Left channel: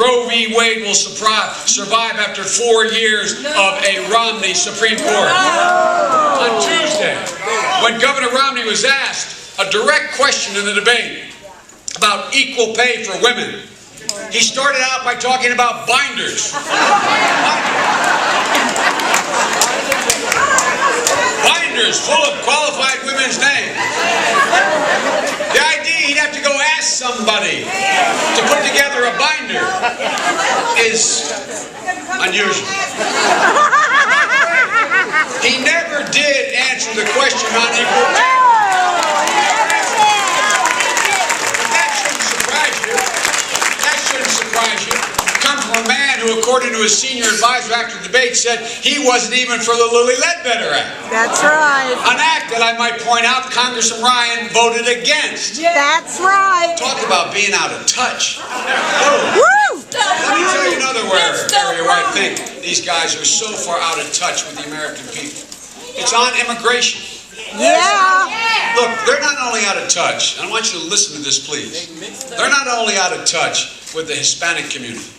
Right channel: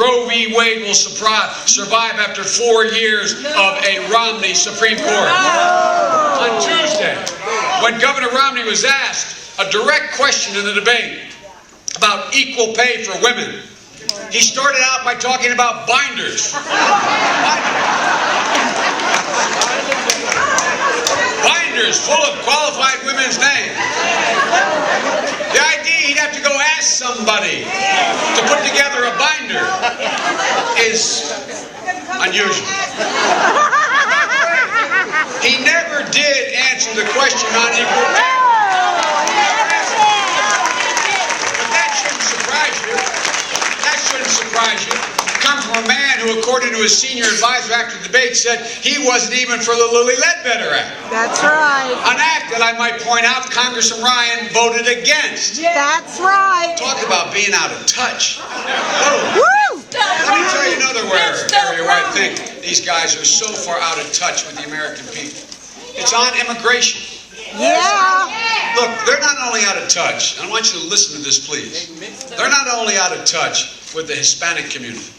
Roe v. Wade will survive after 4 years of a Romney Supreme Court. On Tuesday, when Governor Romney was asked a direct question in the debate about equal pay for women, he started out by talking about binders. Binders full of qualified women's names. The idea he'd have to go ask somebody to put together a binder is unusual. He never did answer the question on equal pay. Surprise you. It comes from a man who, according to his senior advisor after the debate, said he wasn't even for the Lilly Ledbetter Act. That's right. An act that I might point out Congressman Ryan voted against. That's right. Talk about being out of touch. Oh. Woo! Let me tell you another area where I think these guys are so far out of touch with the American people. It's on immigration. Yeah. Look, they're not only out of touch, and I want you to listen to this, please. They're not only out of touch with the Hispanic community.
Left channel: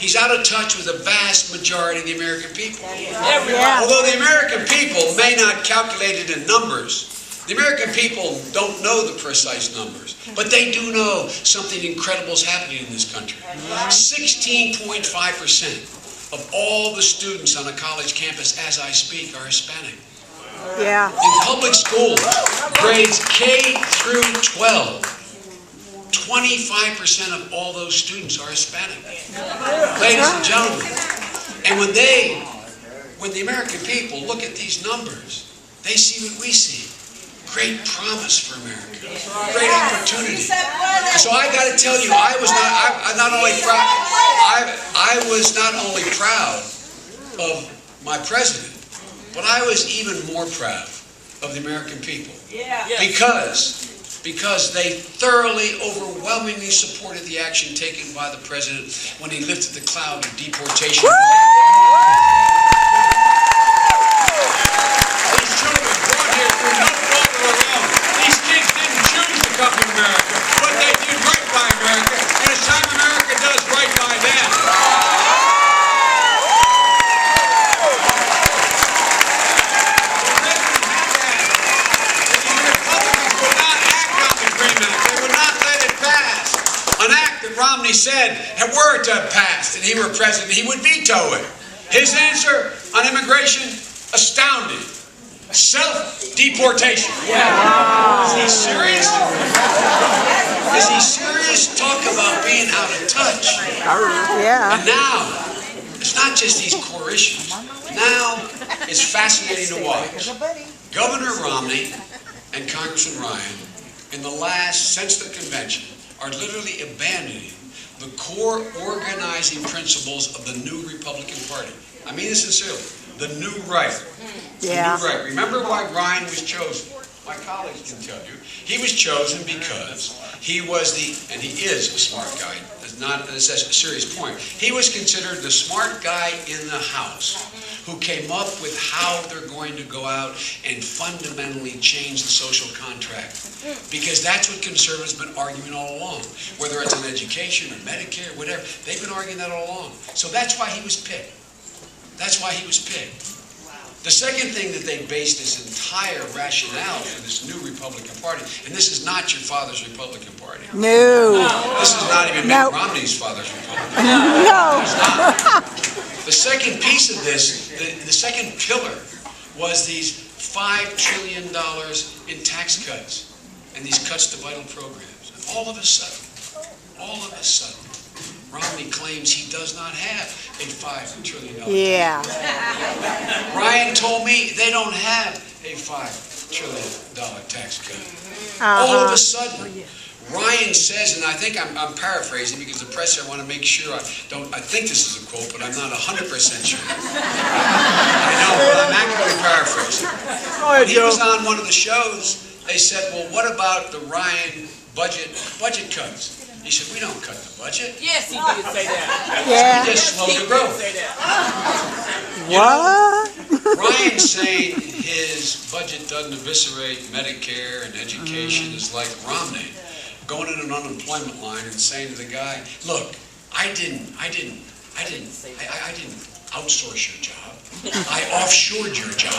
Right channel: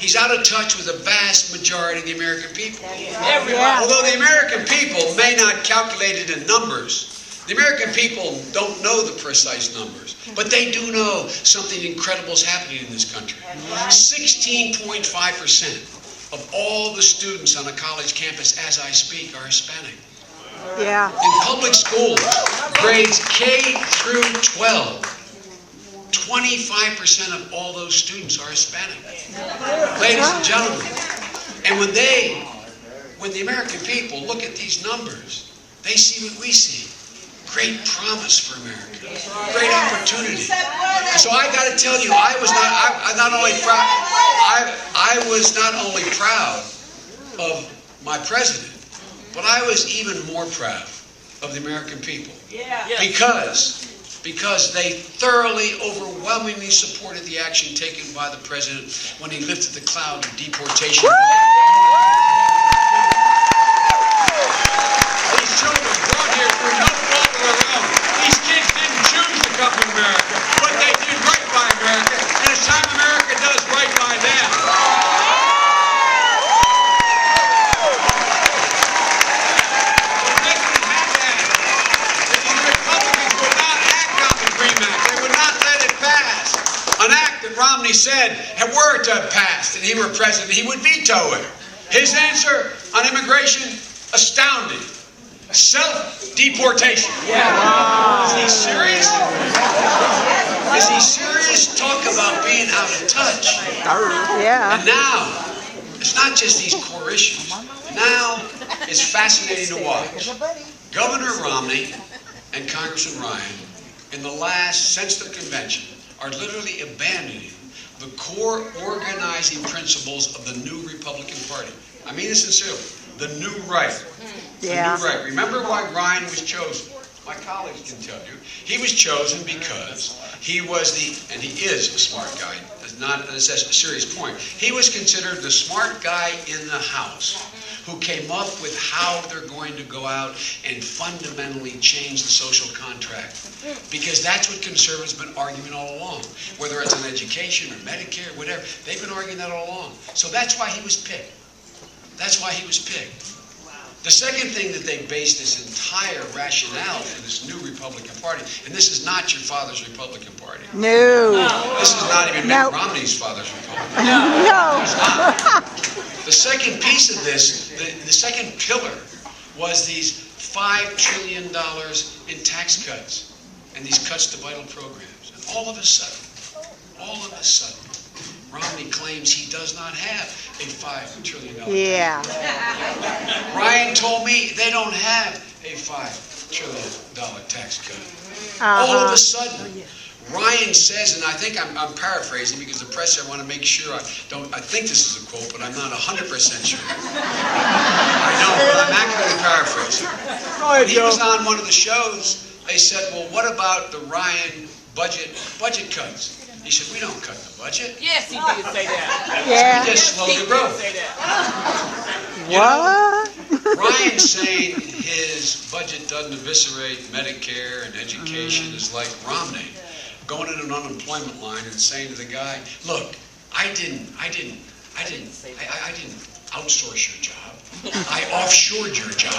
He's out of touch with the vast majority of the American people. Yeah. Although the American people may not calculate it in numbers, the American people don't know the precise numbers, but they do know something incredible is happening in this country. 16.5% of all the students on a college campus as I speak are Hispanic. Yeah. In public schools, grades K through 12, 25% of all those students are Hispanic. Ladies and gentlemen, and when the American people look at these numbers, they see what we see. Great promise for America. Great opportunity. So I got to tell you, I was not only proud of my president, but I was even more proud of the American people. Yeah. Because they thoroughly, overwhelmingly supported the action taken by the president when he lifted the cloud of deportation. These children brought here through no fault of their own. These kids didn't choose to come to America, but they did right by America, and it's time America does right by them. An act that Romney said, were to have passed and he were president, he would veto it. His answer on immigration, astounding. Self-deportation. Yeah. Is he serious? Is he serious? Talk about being out of touch. Yeah. And now, it's not just these core issues. Now, it's fascinating to watch. Governor Romney and Congressman Ryan, in the last, since the convention, are literally abandoning the core organizing principles of the new Republican Party. I mean it sincerely. The new right. Yeah. The new right. Remember why Ryan was chosen? My colleagues can tell you. He was chosen because he was and he is a smart guy. That's a serious point. He was considered the smart guy in the House who came up with how they're going to go out and fundamentally change the social contract. Because that's what conservatives have been arguing all along. Whether it's on education or Medicare, whatever, they've been arguing that all along. So that's why he was picked. That's why he was picked. The second thing that they based this entire rationale for this new Republican Party, and this is not your father's Republican Party. No. This is not even Mitt Romney's father's Republican Party. No. The second piece of this, the second pillar, was these $5 trillion in tax cuts and these cuts to vital programs. And all of a sudden, Romney claims he does not have a $5 trillion. Yeah. Ryan told me they don't have a $5 trillion tax cut. All of a sudden, Ryan says, and I think I'm paraphrasing because the press, I want to make sure I think this is a quote, but I'm not 100% sure. I know, but I'm actually paraphrasing. When he was on one of the shows, they said, well, what about the Ryan budget cuts? He said, we don't cut the budget. Yes, he did say that. Yeah. We just slow the growth. Say that. What? Ryan's saying his budget doesn't eviscerate Medicare and education is like Romney going in an unemployment line and saying to the guy, look, I didn't outsource your job. I offshored your job.